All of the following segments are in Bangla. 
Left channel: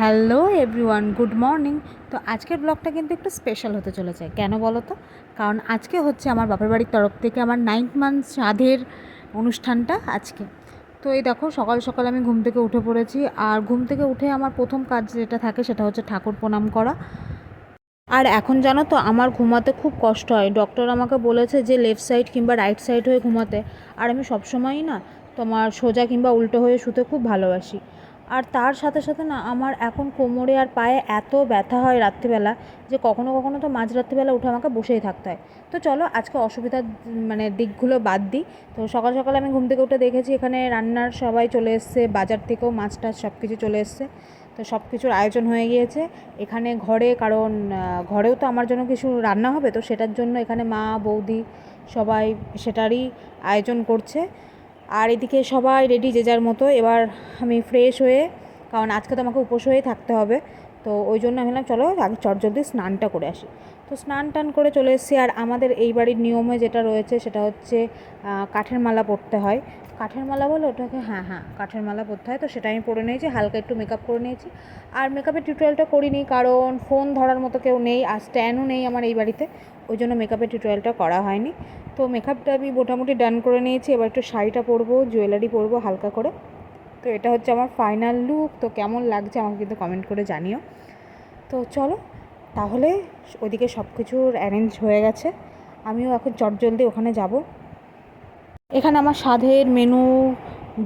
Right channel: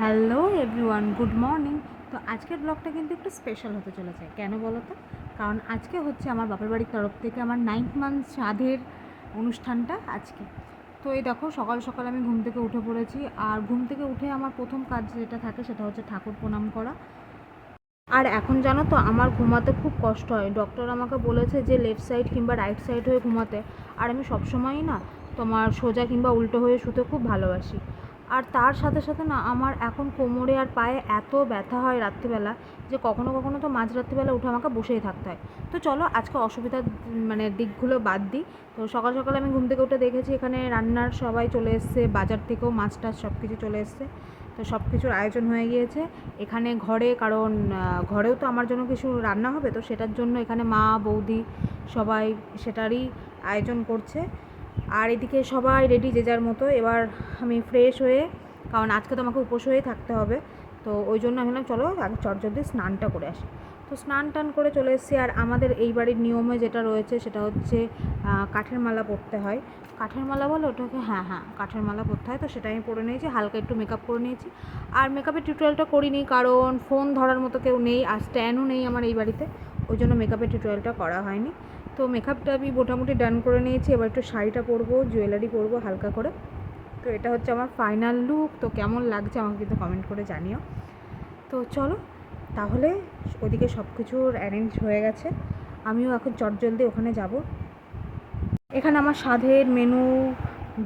Hello everyone, good morning. তো আজকের ব্লগটা কিন্তু একটু স্পেশাল হতে চলেছে। কেন বলো তো? কারণ আজকে হচ্ছে আমার বাপের বাড়ির তরফ থেকে আমার 9 মান্থ শ্রাদ্ধের অনুষ্ঠানটা আজকে। তো এই দেখো, সকাল সকাল আমি ঘুম থেকে উঠে পড়েছি। আর ঘুম থেকে উঠে আমার প্রথম কাজ যেটা থাকে সেটা হচ্ছে ঠাকুর প্রণাম করা। আর এখন জানো তো, আমার ঘুমাতে খুব কষ্ট হয়। ডক্টর আমাকে বলেছে যে লেফট সাইড কিংবা রাইট সাইড হয়ে ঘুমাতে। আর আমি সবসময়ই না তোমার সোজা কিংবা উল্টো হয়ে শুতে খুব ভালোবাসি। আর তার সাথে সাথে না আমার এখন কোমরে আর পায়ে এত ব্যথা হয় রাত্রিবেলা, যে কখনো কখনো তো মাঝরাত্রিবেলা উঠে আমাকে বসেই থাকতে হয়। তো চলো আজকে অসুবিধার দিকগুলো বাদ দিই। তো সকাল সকাল আমি ঘুম থেকে উঠে দেখেছি এখানে রান্নার সবাই চলে এসছে, বাজার থেকেও মাছ টাছ সব কিছু চলে এসছে। তো সব কিছুর আয়োজন হয়ে গিয়েছে এখানে ঘরে, কারণ ঘরেও তো আমার জন্য কিছু রান্না হবে। তো সেটার জন্য এখানে মা বৌদি সবাই সেটারই আয়োজন করছে। আর এদিকে সবাই রেডি যে যার মতো। এবার আমি ফ্রেশ হয়ে, কারণ আজকে তো আমাকে উপোস হয়ে থাকতে হবে, তো ওই জন্য আমি বললাম চলো আগে চটজলদি স্নানটা করে আসি। তো স্নান টান করে চলে এসেছি। আর আমাদের এই বাড়ির নিয়মে যেটা রয়েছে সেটা হচ্ছে কাঠের মালা পরতে হয়। কাঠের মালা বলে ওটাকে? হ্যাঁ হ্যাঁ, কাঠের মালা পরতে হয়। তো সেটা আমি পরে নিয়েছি, হালকা একটু মেকআপ করে নিয়েছি। আর মেকআপের টিউটোরিয়ালটা করিনি, কারণ ফোন ধরার মতো কেউ নেই আর স্ট্যান্ডও নেই আমার এই বাড়িতে, ওই জন্য মেকআপের টিউটোরিয়ালটা করা হয়নি। তো মেকআপটা আমি মোটামুটি ডান করে নিয়েছি। এবার একটু শাড়িটা পরবো, জুয়েলারি পরবো হালকা করে। তো এটা হচ্ছে আমার ফাইনাল লুক। তো কেমন লাগছে আমাকে কিন্তু কমেন্ট করে জানিও। তো চলো তাহলে, ওদিকে সব কিছুর অ্যারেঞ্জ হয়ে গেছে, আমিও এখন চটজলদি ওখানে যাব। এখানে আমার স্বাদের মেনু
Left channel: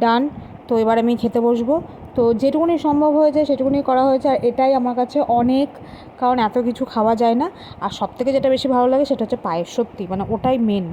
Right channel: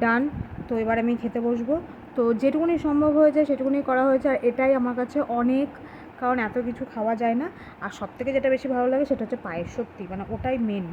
ডান। তো এবার আমি খেতে বসবো। তো যেটুকুনি সম্ভব হয়েছে সেটুকুনি করা হয়েছে, আর এটাই আমার কাছে অনেক, কারণ এত কিছু খাওয়া যায় না। আর সবথেকে যেটা বেশি ভালো লাগে সেটা হচ্ছে পায়েস, সত্যি মানে ওটাই মেন।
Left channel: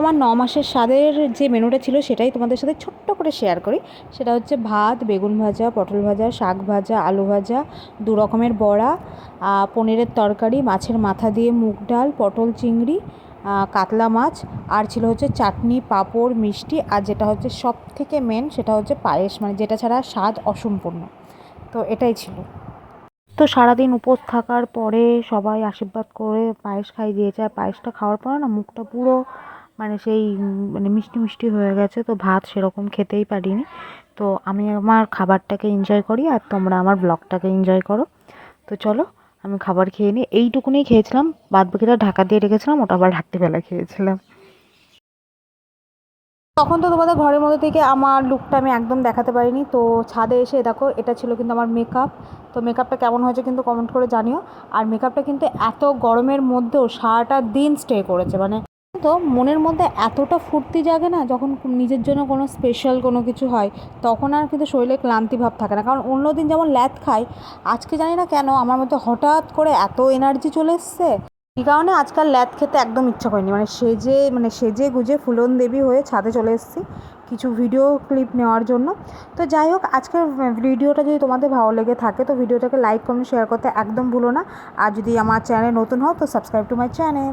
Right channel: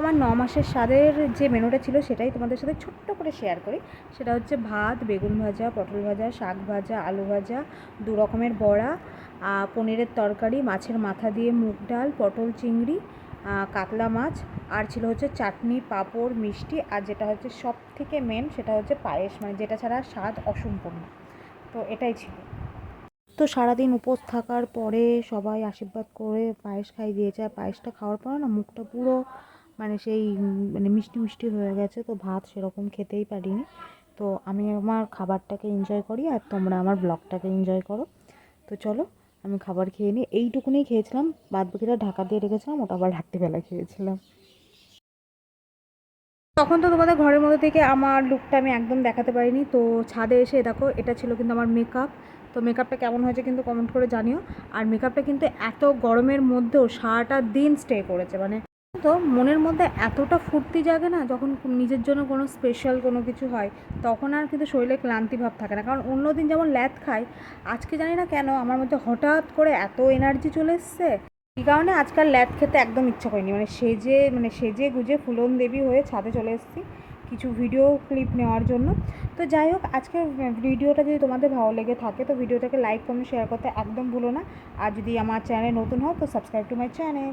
আমার 9 মাসের স্বাদের যে মেনুটা ছিল সেটাই তোমাদের সাথে ছোট্ট করে শেয়ার করি। সেটা হচ্ছে ভাত, বেগুন ভাজা, পটল ভাজা, শাক ভাজা, আলু ভাজা, 2 রকমের বড়া, পনিরের তরকারি, মাছের মাথা দিয়ে মুগ ডাল, পটল চিংড়ি, কাতলা মাছ, আর ছিল হচ্ছে চাটনি, পাঁপড়, মিষ্টি, আর যেটা হচ্ছে সব থেকে মেন সেটা হচ্ছে পায়েস, মানে যেটা ছাড়া স্বাদ অসম্পূর্ণ। তো এটাই ছিল। তো সারাদিন উপোস থাকার পরে সবাই আশীর্বাদ করে পায়েস খাইয়ে দিয়েছে। আর পায়েসটা খাওয়ার পরে না মুখটা পুরো মানে সেই মানে মিষ্টি মিষ্টি হয়ে গেছে। তো ভাত সেরকম খেতেই পারিনি। তো আমি আমার খাবারটাকে এনজয় করি আর তোমরা আমার ব্লগটাকে এনজয় করো। তো চলো আমি খাবার খেয়ে নিই। এইটুকুনি খেয়েছিলাম, বাদ বাকিটা ঢাকা দিয়ে রেখেছিলাম, ওটা আবার রাত্রিবেলা খেয়েছিলাম। তখন তো তোমাদের ঘরের মধ্যে থেকে আমার লুকটা আমি একদম দেখাতে পারিনি। তো ছাদে এসে দেখো, এটা ছিল কিন্তু আমার মেকআপ। তো মেকআপটা কেমন হয়েছে কিন্তু কমেন্ট করে জানিও। আর মেকআপটা কিন্তু এত গরমের মধ্যেও সারাটা দিন স্টে করেছে, মানে তো মনের মধ্যে এতটা ফুর্তি জাগে না যখন নিজের জন্য কোনো স্পেশাল কোনো কিছু হয়, তখন আর কিন্তু শরীরে ক্লান্তি ভাব থাকে না। কারণ অন্য দিন যেমন ল্যাদ খাই, আজকে জানি না কেন আমার মধ্যে হঠাৎ করে এত এনার্জি চলে এসছে। এই কারণে আজকাল ল্যাদ খেতে একদম ইচ্ছা করেনি, সেজে গুজে ফুলন দেবী হয়ে ছাদে চলে এসেছি কিছু ভিডিও ক্লিপ নেওয়ার জন্য। তো যাই হোক, আজকের ভিডিওটা যদি তোমাদের ভালো লেগে থাকে তো ভিডিওটাকে লাইক কমেন্ট শেয়ার করতে একদম ভুলো না। আর যদি আমার চ্যানেলে নতুন হও তো সাবস্ক্রাইব টু মাই চ্যানেল।